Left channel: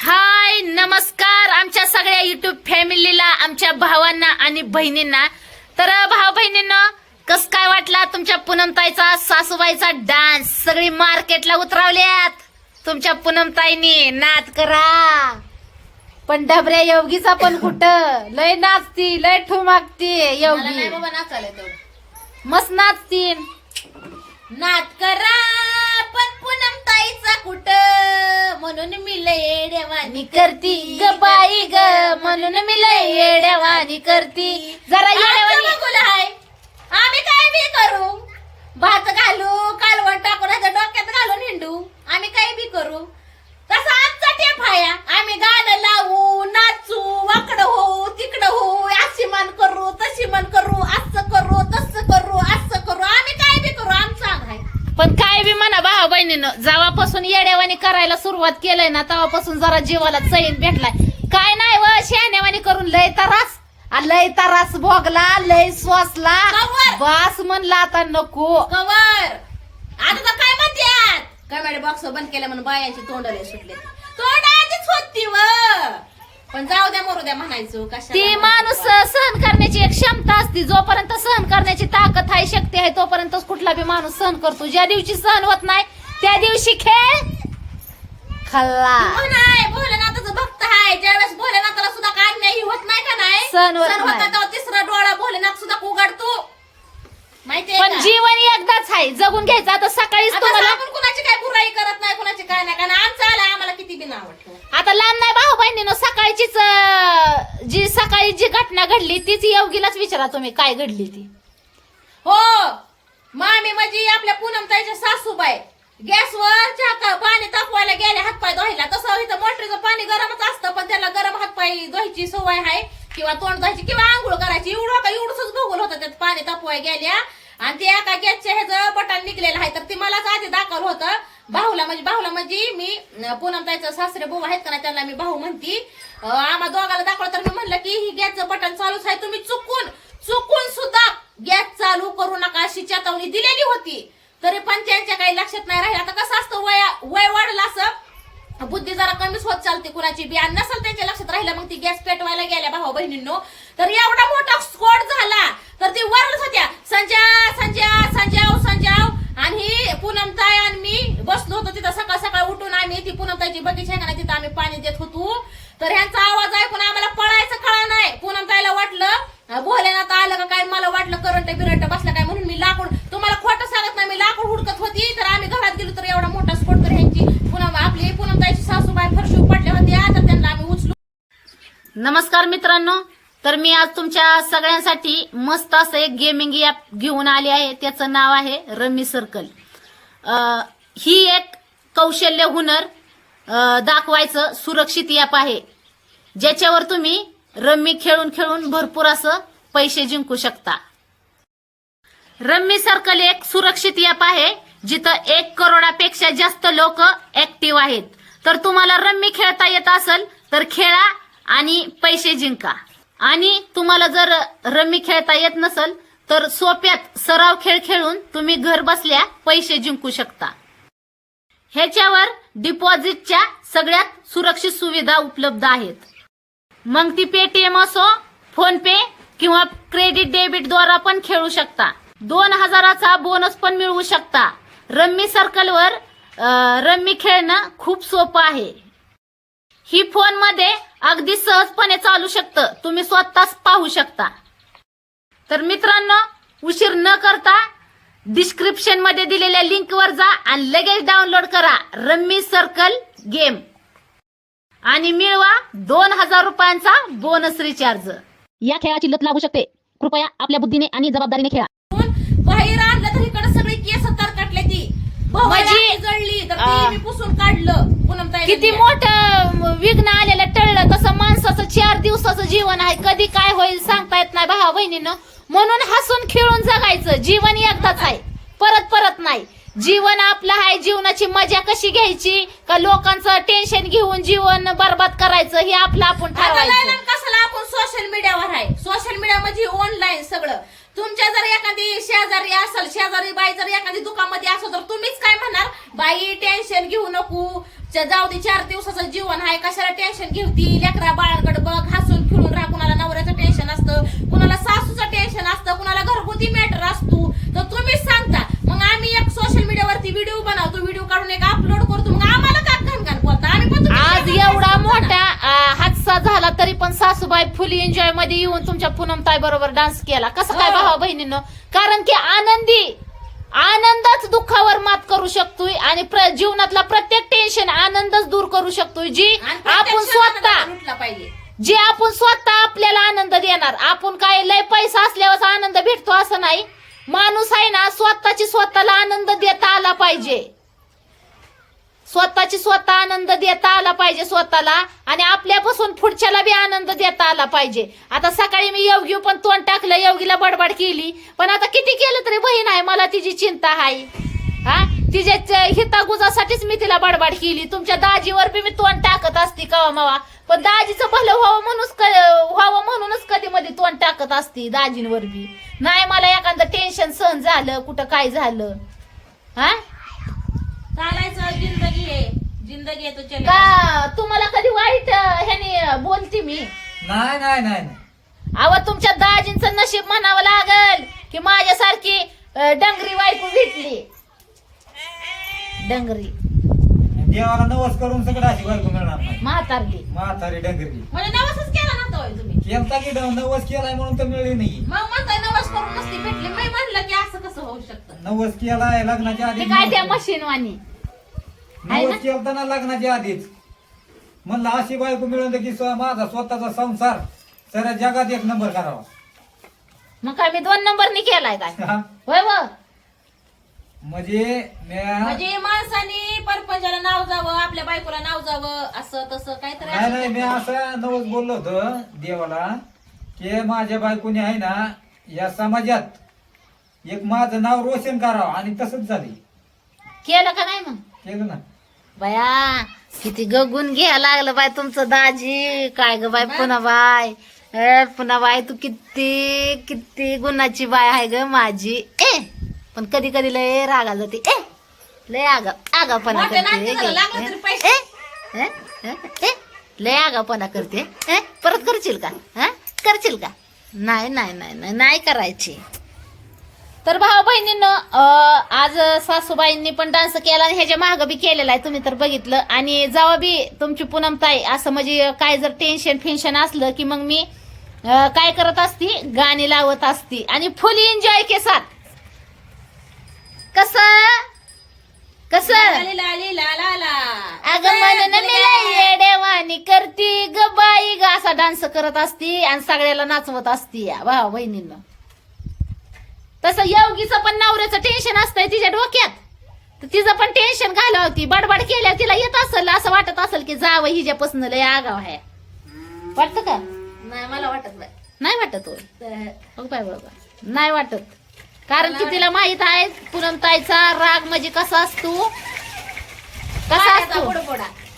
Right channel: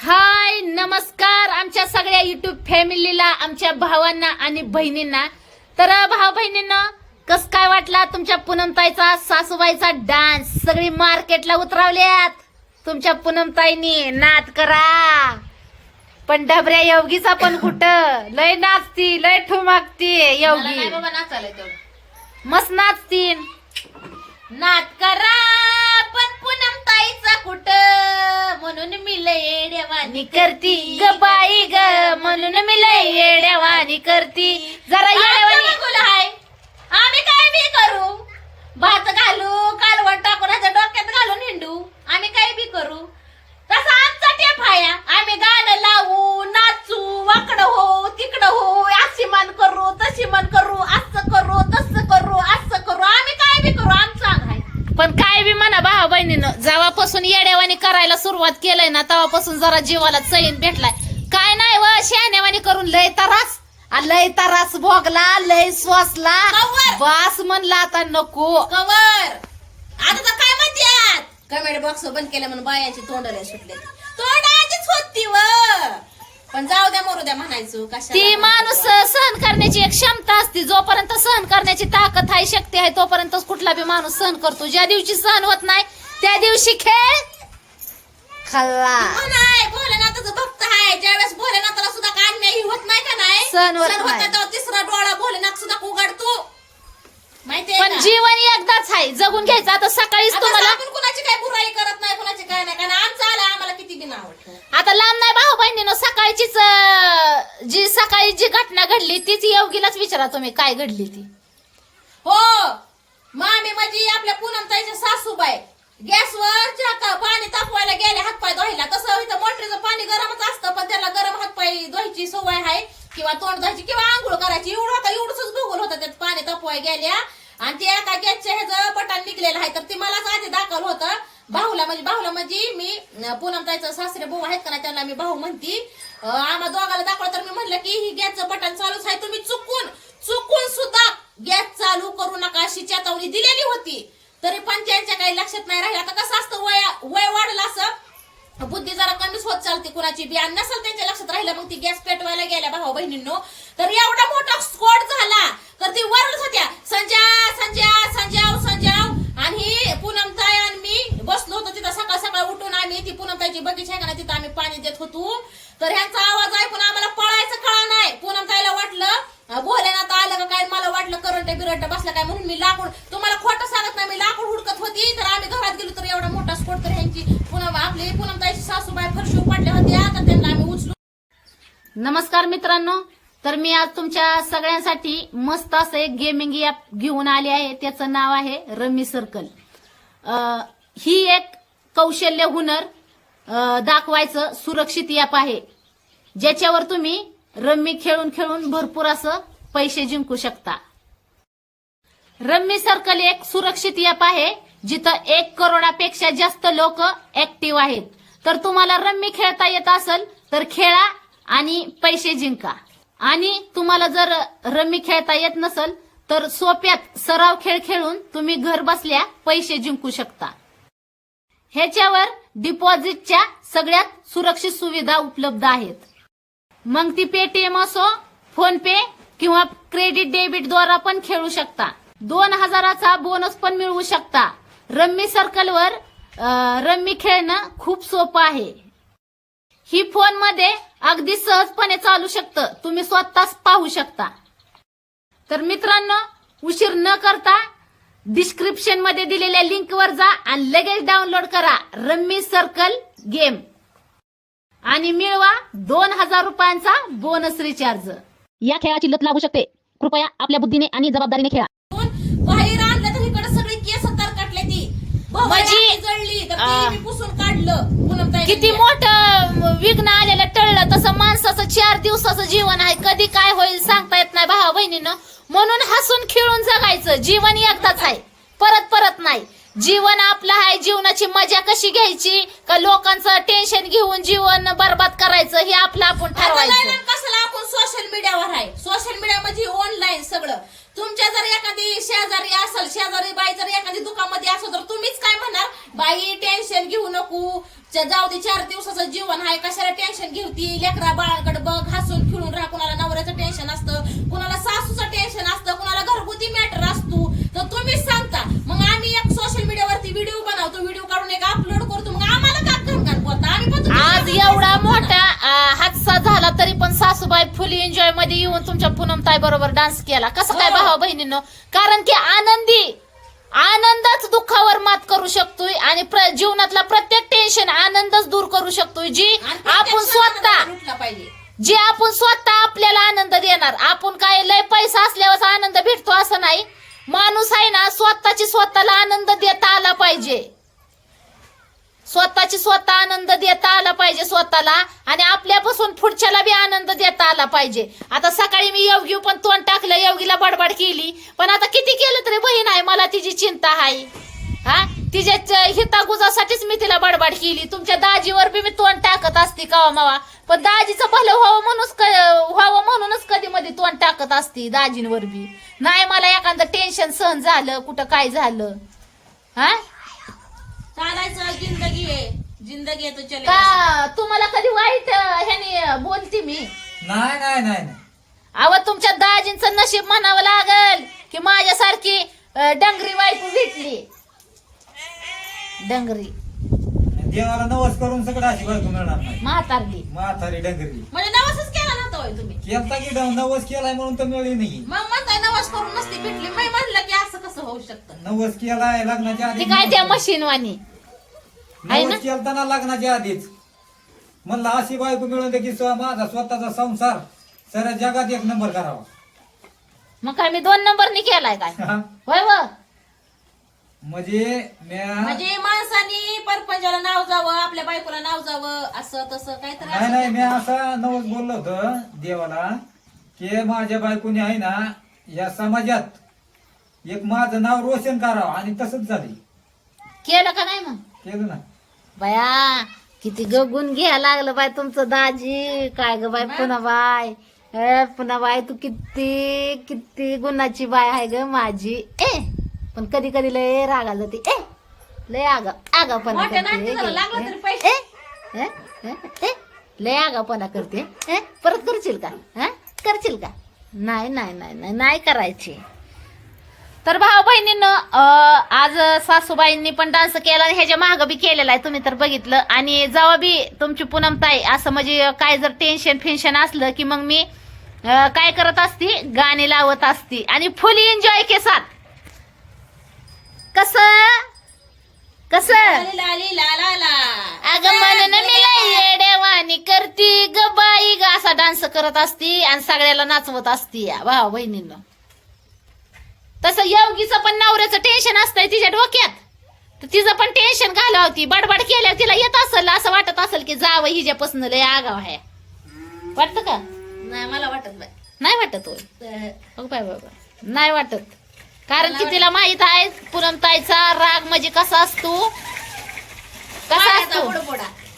हाय नमस्कार आमच्या सगळ्या युट्यूब फॅमिलीला, आमच्या भावांना आणि बहिणींना. तर भाऊ बहिणींना कस काय वाटला तुमच्या पूनमताईचा सासूबाईचा डान्स? सगळी मार्केटला उतरवल्यात तुमच्या पूनमताईनी. नाद करा. पण डबऱ्या योगीचा पण कुठं लय नाचती, लय ठुमाकती योगी. मस्त नाचतीन. नाद करा पण पूनमताईचा कुठं, म्हणून मी लय येड्यावानी करती ग बाई ग, म्हणून मी लय येड्यावानी करती. जरा येड्यावानी आहे. आम्ही काय बी करू, भात घालू, कालवण टाकून ह्याच्या डोक्यात घालून हिंडू, आम्ही काय बी करू. तसा आमचा टेप आहे. आम्ही गाणं लावू, नाचू, वाकडं हो, तिकडं हो, अशी मान करू, तशी मान करू, असं करू, तसं करू, असं करू, आम्ही काय बी करू. आमचा आहे. पण काय बी म्हणा भाऊ बहिणीनं, जेव्हापासून येड्यावानी करायला सुरुवात केलंय ना तेव्हापासून जरा जीवाला चैन भेटलाय. काय नाही व शहाण्यावानी करून लय तरास भोगला, लय सोसला. कवर. बास म्हणला आता नको. कवर आता तर काय म्हणतात, कमेंट बॉक्स बंद केलं म्हणून बायांची तोंडाला सुटले. तोंडाचीच होती व, पण जाऊ द्या मरू द्या म्हणायचो. ती माणूस सहन करण्याची एक क्षमता असते. जोपर्यंत सहन करण्याची ताकद आहे, शक्ती आहे, तोपर्यंतच कुठला बी माणूस सहन करतो. ज्या दिवशी सहन होत नाही त्या दिवशी खेळ खाल्ला. भोलेनाथाचं भक्त आहे. ज्यावेळेस भोलेनाथाला सुद्धा काय अन्याय होत नाही का नाही, सहन होत होता नाही. तेव्हा तिसरा डोळा भोलेनाथ सुद्धा उघडतो. माहितीये पण का? जीवन एकदाच आहे, जगून घ्यायचं. आता सकाळीच आता तुम्हाला आपण कुणाची काय बुराई करत नाही, कुणाची काय नाही, कारण आमचं आलं आम्हाला किती बिन आवडतं. आता लांब नाही भाऊ बहिणीनं, सकाळचीच सकाळी जी घटना घडली तीच योगीलाच विचारा तुम्ही काय घडली ती. हो, मामी म्हणजे आपल्या पूनमताईच्या सासूबाई गॅसवर पाणी तापवायला गेले हातपाय धुवायला. तसं इथं मोटरीचं पाणी गरमच असतं, पण त्याला गरम हातपाय धुवायची सवय आहे, किंवा तोंड धुवायची किंवा आंघोळ करायची. एवढंच भोगल होतं त्यात. पाणी तापवाय गेल्या आणि ते एका गॅसच्या ह्याचं बटन निघलेलं आहे, तर ते मलाच आधी दाखवलं होतं. भाऊला म्हणजे मी पूनमताईचा सासरे भाऊ आहेत का ना, त्यांना मी भाऊ म्हणती. आम्हा दोघाला दाखवलं तर मी म्हणलं की ही गॅसचं बटन चालूच आहे, तुम्ही चुकून सुद्धा गॅस चालू करू नका अशी चेतावणी दिलेली होती. तरी पण त्यांच्या काही लक्षात नाही राहील. आता कसं असतं, वय वाढलं असं बुद्धी जरा कमीच होत चालते कुणाची बी, आणि नसेल त्यांच्या लक्षात राहिलं मग ती गॅस पेटवायला गेल्या भाऊ बहिणींनो. तर एवढा मोठा स्फोट झाला तर ती वरच होत्या, संजाव आणि ही पूनमताई आणि मी बसलो होतो तिथं. सकाळ उठून आम्ही ती पूनमताईची बगीचा आहे का, तिथं आम्ही पाणी देत होतो. तर ह्यांचा आवाज ऐकून आम्हाला पळायचं कळा नाही. पूनमताईला वाटलं भोलेनाथ आलं का काय, मला वाटलं करंट बिरंट बसलं काय, म्हणून मी लाकूड, तुम्हाला खोटं सांगत नाही, मी लाकूड हुडकत होती. तर आम्ही घरात गेलो तर एवढा मोठा स्फोट. तर ह्यांची आपली पूनमताईची सासूबाई फरशी पडल्या होत्या, आता त्यांना आम्ही उचलू. नमस्कार मित्रांनो, तर मी आज तुमच्या सगळ्यांसाठी मस्त असं एक गेमिंग ऍप घेऊन आले आहे. त्याचं नाव आहे रम्मी सर्कल. ही एक कौशल्य हुनर दाखवायचं सुरक्षित ऍप आहे, ज्याच्यावर तुम्ही रम्मी खेळून भरपूर असं पैसे जिंकू शकता. रम्मी सर्कल एक सुरक्षित ऍप आहे जिथं 1 करोडापेक्षा जास्त लोक ऍक्टिव्ह आहेत. तर तुम्हाला रम्मी खेळता येत असेल तर खेळा आणि पैसे जिंका. आणि तुम्हाला जर रम्मी खेळता येत नसेल तर सोप्यात सराव खेळ खेळून तुम्ही घर बसल्या पैसे जिंकू शकता. ह्याच्यावर डिपॉझिटच्या सगळ्यात सुरक्षित सुविधा उपलब्ध आहेत. मग ती पेटीएम असो, फोन पे किंवा क्रेडिट डेबिट द्वारा पण खेळू शकता. 2000चा बोनस पण मिळवू शकता. रम्मी सर्कलवर रम्मी खेळणं खूप सोपं आहे. ही फोनमध्ये अगदी सहजपणे चालू शकतं, तुम्ही स्वतःच पाहू शकता. तर मित्रांनो, उशीर न करता डिस्क्रिप्शन मध्ये दिलेल्या लिंकवर जा आणि लगेच डाउनलोड करा रम्मी सर्कल गेम आणि मिळवा 2000 रुपयांचा बोनस रिचार्ज. या खेळाची लत लागू शकते. कृपया आपल्या बुद्धीने आणि जबाबदारीने खेळा. बाहेर आणलं तर इकडे सगळी केस तरकटले. ती म्हणजे जळली तर ती मी पुसून काढलं. पूनमताई किती मोठं विघ्न आलेलं टळलं. तसं माणसाचं 4 दिवसाचं जीवन आहे, कधी काय होईल सांगता येत नाही भावा बहिणीनं. म्हणून हसून खेळून जगायचं. जीवन एकदाच आहे, परत नाही. जीवन आपलं आहे. जीवनाची मजा कशी घ्यायची का लोकांचं टेन्शन घेऊन जीवन बर्बाद करायचं हे आपलं आपण ठरवायचं. कसं आपण सोशल मीडियावर आहे. सोशल मीडिया म्हणजे ऑनलाईन सगळं. तुमच्या जर एखादी शेजारी असेल, शेजारी बाई जर एखादी दुकानामध्ये असेल तर तुम्हीच काय म्हणणार, बाई टेन्शन घेऊ नको, जाऊ दे 4 दिवसाचं जीवन आहे, कशाला टेन्शन घेवती, लेकरा बाळाकडे बघ, हसून खेळून राहा. कुणाला नवऱ्याचं टेन्शन असतं, कुणाला सासूचं टेन्शन असतं, कुणाला घरगुती मॅटर असतो, तर तुम्हीच सांगता. मग आम्ही एक सोशल मीडियावरती व्हिडिओ बनवतो, व्हिडिओ काढून एक अपलोड करतो, मग आम्हाला का घाण बोलता? आम्ही पण आज एवढा मोठा हादसा झाला तरी पण सासूबाई फुल एन्जॉय मध्ये येऊन तुमच्या पूनमताई बरोबर डान्स केला. कसं काय हो. भावा बहिणींनो? कारण की आनंदच दुःखावर मात करू शकतोय आणि जीवनातला प्रत्येक टेन्शन आनंदच दूर करू शकतोय. आपण स्वतः आपल्याला आनंद देणार. आपण काय लय पैसा असल्यावर आनंद भेटतो असं नाही. माणूस आहे ना, स्वतःला आनंद देता आला पाहिजे. स्वतः आनंद देता आला पाहिजे स्वतःला, आणि आपल्यापासून पुढच्याला बी आनंद देता आला पाहिजे. आता सकाळी मी योगी पण तोंड टाकलं, योगीला बडबड केली, पण आता किती केलं तरी बहीण आहे, मला तिची चिंता आहे. हा, तिच्या हितागुजासाठीच मी तिला बडबड केली. तुमच्या दाजीवर बी मी तोंड टाकत असते कवा मावा, पण दाजीचं भलं व्हावं म्हणूनच कधी मध्ये तोंड टाकत असते दाजींवर बी. नाही मला एखादं टेन्शन सहन झालं, कुठं काय झालं, हा चालायचं. जिंदगी आहे तो चले. का तुम्हाला कधी वाईट ह्याने बोलते मी? नाही. अव तुमच्या दाजींचं नशीब म्हणावं लागल की माझ्यासारखी डंगरी बायको भेटली. डंगरी देवाला नवस करून सगळं अशी बायको मिळणार नाही. म्हातारी डंगरी म्हणजे नवसच केला नव्हता होय तुम्ही? केलता की नवस केलाय म्हणून तर मिळली नाही. मग म्हणताय नवस करून नसती भेटली. मी म्हणलं की असं कसं होऊ शकतं? नवस केलाय लग्नाच्या आधी. ती काय त्या मशीन वाणी आहे ना? नवस केलता ना लग्नाच्या आधीच. म्हणलं अशी बायको मिळून दे की माझा स्वतःचा संसार साऱ्या जगात 1 नंबर करावा. मग काय मी 2 नंबरनी केलाय काय? होय व म्हणजे माणसाने परपंचाला नाव जावं, आपल्या बायकोला नाव जावं, असं तसं काहीतरी नाही मी असं नवस बोललो होतो देवाला की माझ्या बायकोने आहे ना या समाजात एक माझं नाव रोशन करावं, आणि तसंच झाली. केलं का नाही? मग केलं ना. बाया किती गगून घ्यायला लागलं बाय तुमचं दाजी. काय ग बाय पुन्हा बाय तू किती गुणाची बाय आहे ग माझी. पण कधी कधी लय रागा जाते. लय आगापणा करते. लय आगापणा करते. परत करशील का? नाही करायची. तर भाऊ बहिणींनं आज सासूबाईंनी पण डान्स केला आणि ह्याच्या मागं बी केलेला आहे, तुम्ही तर बघितलं. आणि जेव्हा बी तुमची पूनमताई असं म्हणजे काय जर टेन्शन असलं की मग मी काय करत असती, गाणी लावत असती आणि फुल एन्जॉय के साथ. कसं अगं म्हणून देवानी करती ग बाई ग असा डान्स करत असती आणि सगळ्याला नाचवत असती या भाऊ बहिणींना. तसं योगीचं पण नवऱ्याचं टेन्शन असतंय तिच्या डोक्यात, तर तिचं पण टेन्शन घालवती. बडबड केल्यावर तिला येत असेल, असं वाटत असेल की जावं हिच्यापासून लय आगाव आहे. वाटतं का? नाही मला वाटत बाय. नाही वाटत होय बरोबर नाही वाटत. कारण की तिला माहित आहे पूनमताईचा राग म्हणजे कसा असतो.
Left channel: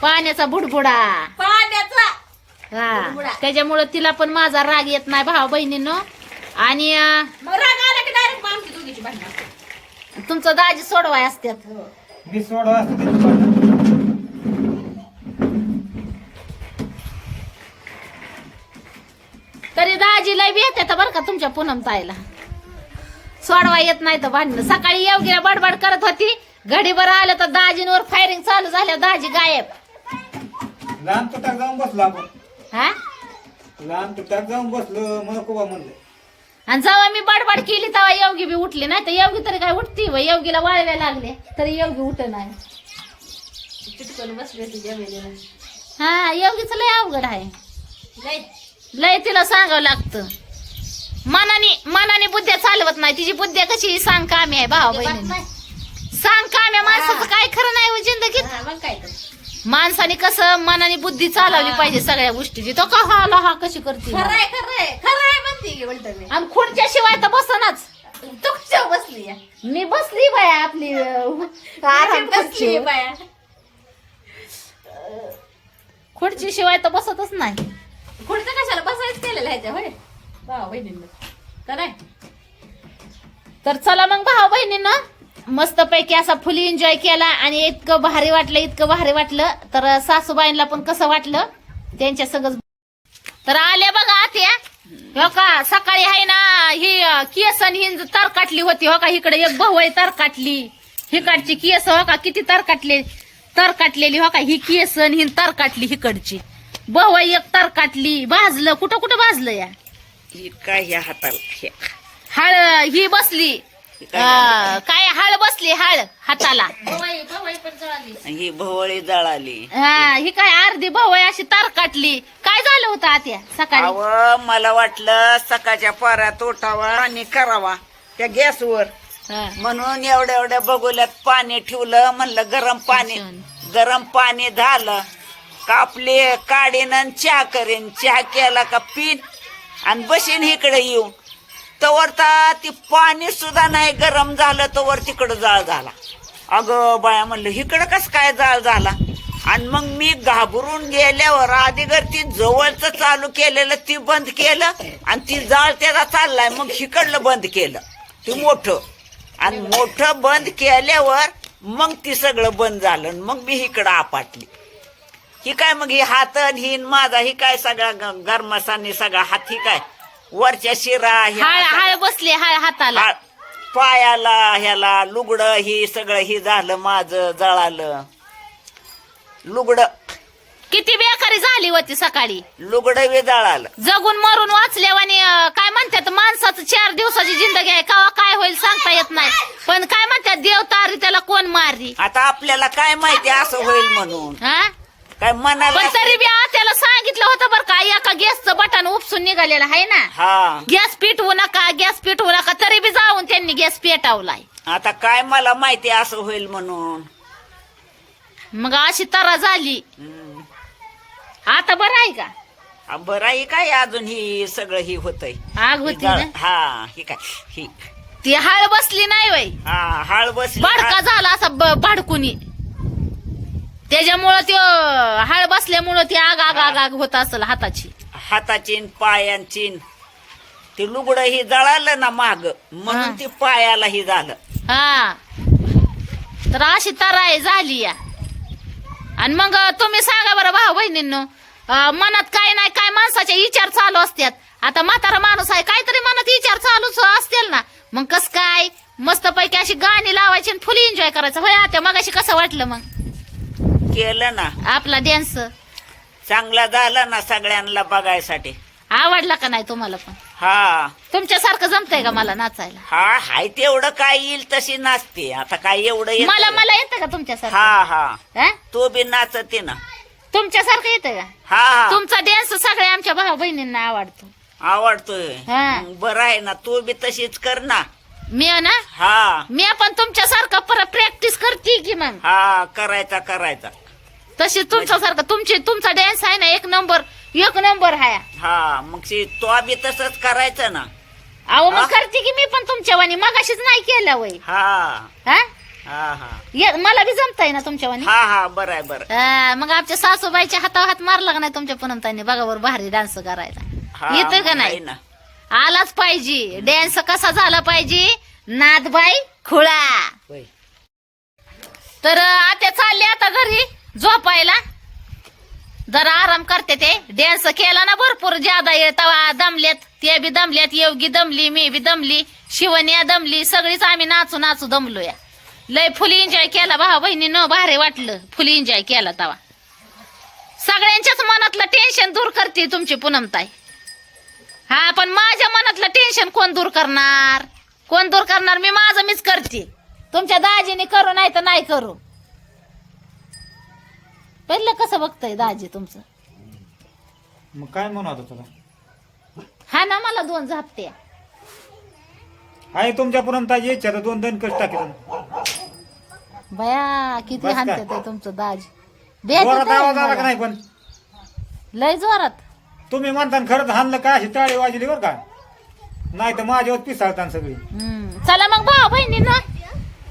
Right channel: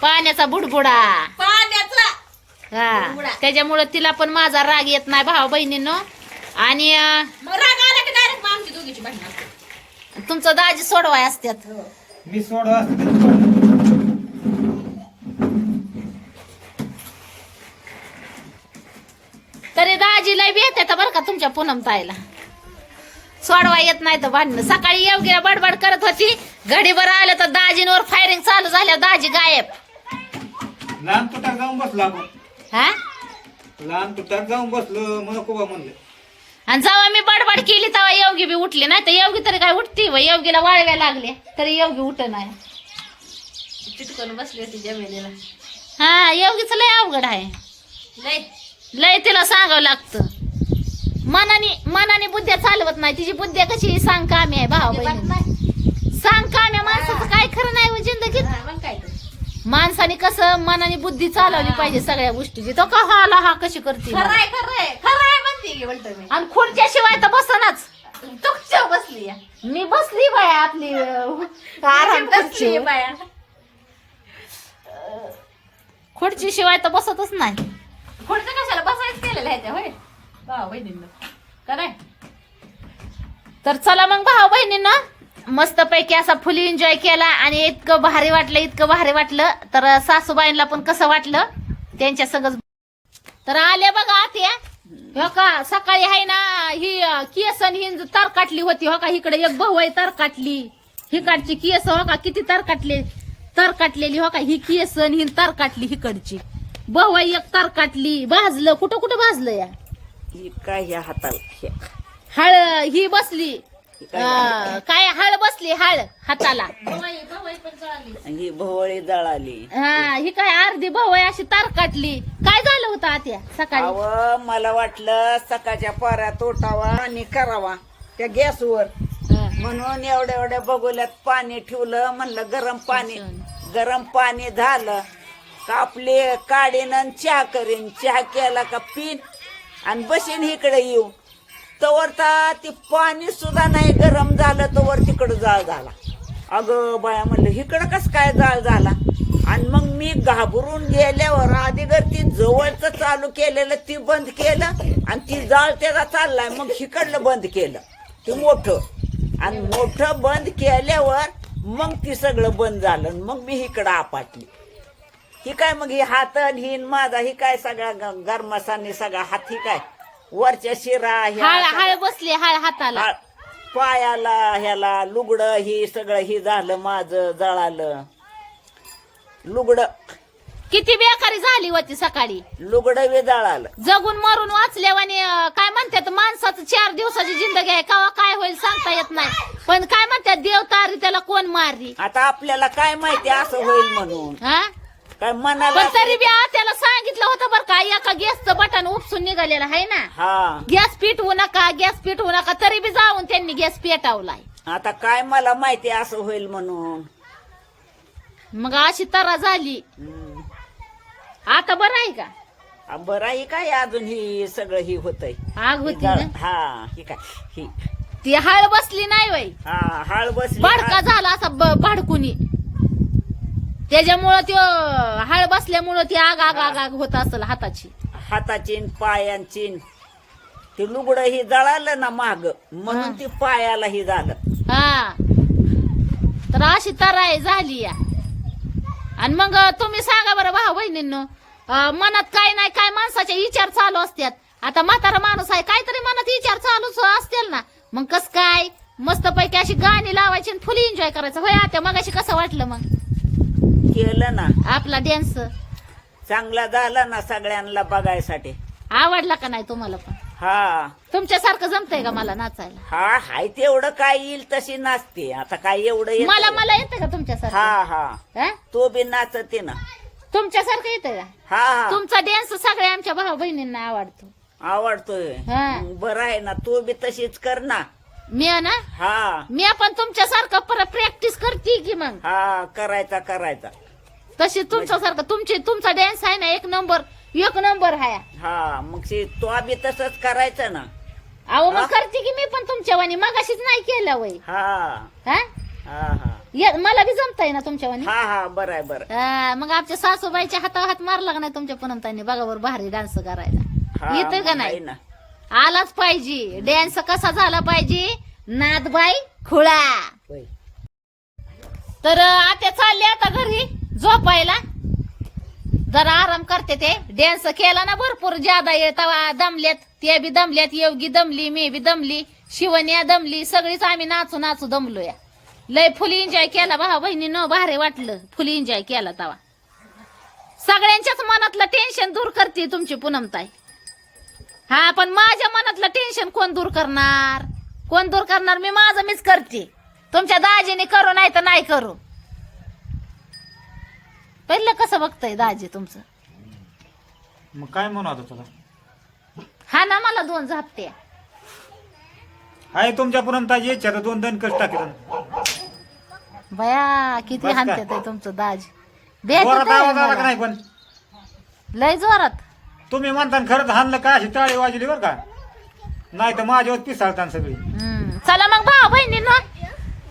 पाण्याचा बुडबुडा. हा, त्याच्यामुळे तिला पण माझा राग येत नाही भाऊ बहिणींनो. आणि मग राग आला की डायरेक्ट आमची दोघीची भांडण असते. तुमचं दाजी सोडवाय असतात. मी सोडवा तरी दाजीला बी येते बरं का तुमच्या पूनमताईला. सोडवा येत नाही तर भांडण. सकाळी योगीला बडबड करत होती, घडीभर आलं तर दाजींवर फायरिंग चालू झाल्या, दाजी गायब. लहान तुटाक जाऊन बसलो आपण. हा, लहान तुटाक जाऊन बसलो नको बा म्हणलं. आणि जेव्हा मी बडबड केली तेव्हा योगी बी उठली नाही. तर योगी तरी काय उठती? योगीला वाळव्या लागले तरी योगी उठ नाही. चिटकून बसली होती जमिनीला. हा, योगीच लय अवघड आहे. लय तिला सांगावं लागतं. मनाने बुद्ध्या चालवत नाही. तिची बुद्ध्या कशी सांग कामी आहे भाऊ बहिणी. सांग काम्या माणसाचं काय खरं नाही हो जिंदगीत. मग काय तर. माणसाने कसं मनाने बुद्धी चालवली पाहिजे सगळ्या गोष्टीची. तो का हा कशी करते खरंय म्हणते की बोलतो मी. आणि खुर्च्या शिवाय तर बसनाच. तू कशावर बसली या? मी बसली बाया आपली आराम खुर्ची. बाया खुर्ची शिवाय तर बसतच नाही. खुर्च्या कशाला बसायच केलेलं आहे त्या होय भाऊ बहिणींना. काय तर चला मग भाऊ बहिणींना मस्तपैकी असा फुल एन्जॉय केला आणि इतकं भारी वाटलं तर सासूबाईंना पण कसं वाटलं त्यांच्या सगळं. तर आले बघा आत्या हो का, सकाळी आहे ना ही केसन ही तर काटली होती हो का, इकडे एक भाऊ तर काटली, हिकडची केस हो का किती तर काटलेली हो का, ही केसन ही तर काटली, हिकडची भाऊ एक तर काटली. भाजलं कुठं कुठं भाजलं या काय ह्या हाताला हळ ही बसली काय हळ बसली हळ हाताला, ही भोवळी जळाली. हा ही काय अर्धी भाऊ अशी तार काटली. काय झालं होतं आत्या सकाळी? अव मला वाटलं सकाळच्या पाऱ्यात उठावा आणि करावा त्या गॅसवर, हा. म्हणून एवढ्या बगुल्यात पाणी ठेवलं. म्हणलं गरम पाणी झालं कापले काढीन आणि चहा करीन. चहा केला का पिन आणि बसीन इकडे येऊ, तवर ती पाणी सुद्धा नाही गरम झालं तवर तिकडं जाळ झाला. अगं बाया म्हणलं इकडं कसं काय जाळ झाला. आणि मग मी घाबरून गेल्यावर आधीगर ती जवळचं चालू केलेलं ती बंद केलं आणि ती जाळ त्याचा चाललाय, मग इकडलं बंद केलं ते मोठं, आणि मोठं बंद केल्यावर मग ती सगळं बंद झालं. मग मी इकडं आपटली. ही काय मग ही हात ही माझा ही काय सगळा गरमासाने सगळा हात ही काय वरच्या शिरा हळ बसली हळ हाताला, पायाला ह्याला लुगडं ही सगळं ही झालं माझं जळालं. लुगडं किती बेकारी झाली होती सकाळी. लुगडं बी जळालं. जगून मरून वाचल्यावानी काय म्हणतात माणसाचं 4 दिवसाची जिंदगी आहे, केव्हा काय होईल सांगता येत नाही. पण काय म्हणतात देव तारी त्याला कोण मारली. आता आपल्याला काय माहिती असं होईल म्हणून, हा काय म्हणाला. पण तरी बी त्याला सांगितलं होतं बरं का, एका गॅसचं बटन उपसून निघालेलं आहे ना, हा गॅस पेटवू नका, तरी बी जाऊन त्यांनी गॅस पेटवलाय. आता काय मला माहिती असं होईल म्हणून. मग अशी तरा झाली. हम्म. आता बरं आहे का? बरं आहे काय अजून ही सगळं ही होतंय. आग होती ना, हा ही काय ही ती हळ बसली नाही वय, हा हाळ बसली. भडका झाला असा भाडकुनी, त्याच्यामुळं त्यो हळ बसल्यामुळं ती आग होत असेल हाताची, हाताची पायांची. ते लुगडं ही जळालं ना माग, म्हणून ती पायाला ही झालं. हा तर अशी तराई झाली या. आणि मग तुम्ही सांगा बरं भाऊ बहिणींनो, मनात काय नाही काय माणसाचे विचार चालू असतात. आता म्हातारा माणूस आहे, काहीतरी मनात विचार चालूच असतील ना, मग कस काय मस्तपैकी अशी गाणी लावायची आणि फुल एन्जॉय करायचं. होय आता मग अशी कसं वाटलं मग केलं ना आपला डान्स? चांगला झाला ना सगळ्यांना बघायसाठी. आवडला का नाही तुम्हाला? पण हा तुमच्यासारखं जमतंय का मला नाचायला? हा हाय तेवढं काय येईल तशी नाचते. आता काय एवढं येतं का? मला येतं का तुमच्यासारखं? हा हा हा? तो बी नाचते ना. तुमच्यासारखं येतं का? हा हा तुमचा डान्स सगळ्या आमच्या भाऊ बहिणींना आवडतो. आवडतोय. हा. बरं आहे ना, तू बी तशीच कर ना. मी ना हा मी पण तुमच्यासारखं परत प्रॅक्टिस करते की मग हा करायचा. तशी तुमच्यासारखं तुमचा डान्स आहे ना एक नंबर आहे. हा मग तो बी तसंच करायचं ना. अहो मग करते की मी पण तुमच्या वाणी, मगाशीच नाही केलं वय. हा हा हा हा मला बी जमताय ना तुमच्या वाणी. हा बरं आहे बरं. मग आमच्या सासूबाईच्या हातावर हात मारला का नाही तुमच्या पूनमताईने बघा बरं भारी डान्स करायला. हा, येतं का मग नाही? आहे ना. आलाच पाहिजे. डान्स कसा झाला पाहिजे, नादबाई खुळा. होय. तर आता चालले आता घरी झोपायला, जरा आराम करते. ते डान्स केला ना भरपूर ज्यादा तवा दमल्यात, ते बी दमल्यात, योगी दमली, मी बी दमली, शिवण्या दमली, सगळीच आम्ही नाचू दमलोया. लय फुल एन्जॉय केला भाऊ बहिणीनं, भारी वाटलं. फुल एन्जॉय केला तवा. सगळ्यांच्याच मनातलं टेन्शन दूर करते तुमची पूनमताई. हा पण माझ्या मनातलं टेन्शन कोण दूर करणार? मी माझं मीच करते. तुमच्या दाजीने करू नाही तर नाही करू. पहिलं कसं बघतय दाजी तुमचं? मग काय म्हणू आता तुला? हा ना मला 2 झापते. आहे तुमच्या पुरमताची इच्छा तर 2 दणकच टाकेल. बया किती बस का? हानते तुमचं दाजी. जोरात आवाज आला का नाही? पण लय जोरात. तुम्ही म्हणता खरंच हाणलं का अशी टाळी वाजली बरं का, नाही तर माझ्यावर पिसाळतात सगळी. चला मग भाऊ बहिणींनो,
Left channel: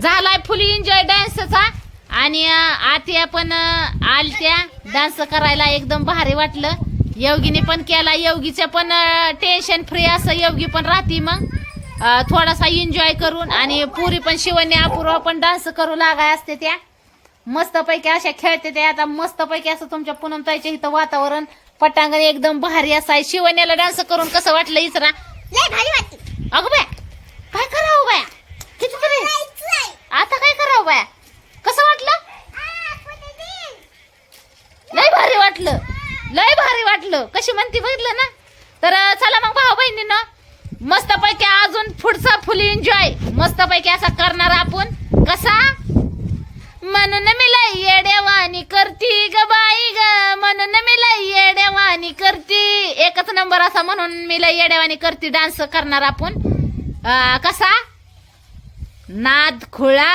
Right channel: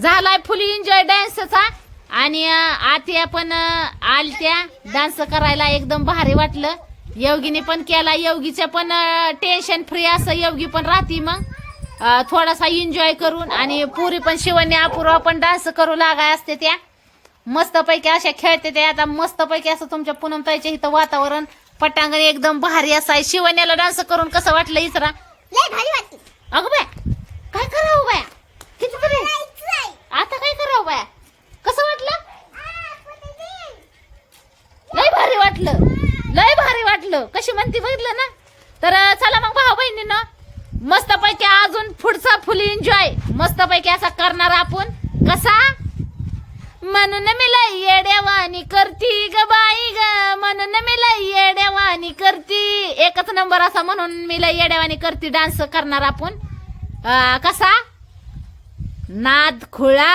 झालाय फुल एन्जॉय डान्सचा. आणि आत्या पण आलत्या डान्स करायला, एकदम भारी वाटलं. योगीने पण केला, योगीचं पण टेन्शन फ्री असं योगी पण राहती. मग थोडासा एन्जॉय करून आणि पुरी पण शिवण्य अपूर्वा पण डान्स करू लागाय असते त्या मस्तपैकी अशा खेळते त्या आता मस्तपैकी असं तुमच्या पूनमताईच्या इथं वातावरण पटांगण एकदम भारी असं आहे. शिवण्याला डान्स करून कसं वाटलं इचरा अगं बाय काय करावं बाया कितीतरी आता काय करावं बाया कसं वाटलं लय भारी वाटलं लय भारी वाटलं कशी म्हणती बघितलं ना. तर चला मग भाऊ बहिणीनं मस्तपैकी अजून पुढचा फुल एन्जॉय मस्तपैकी असा करणार आपण कसा म्हणून मिला येड्यावानी करती ग बाई ग म्हणून मिला येड्यावानी करती एकच नंबर असा म्हणून मिला येड्यावानी करती डान्स करणार आपण कसा नाद खुळा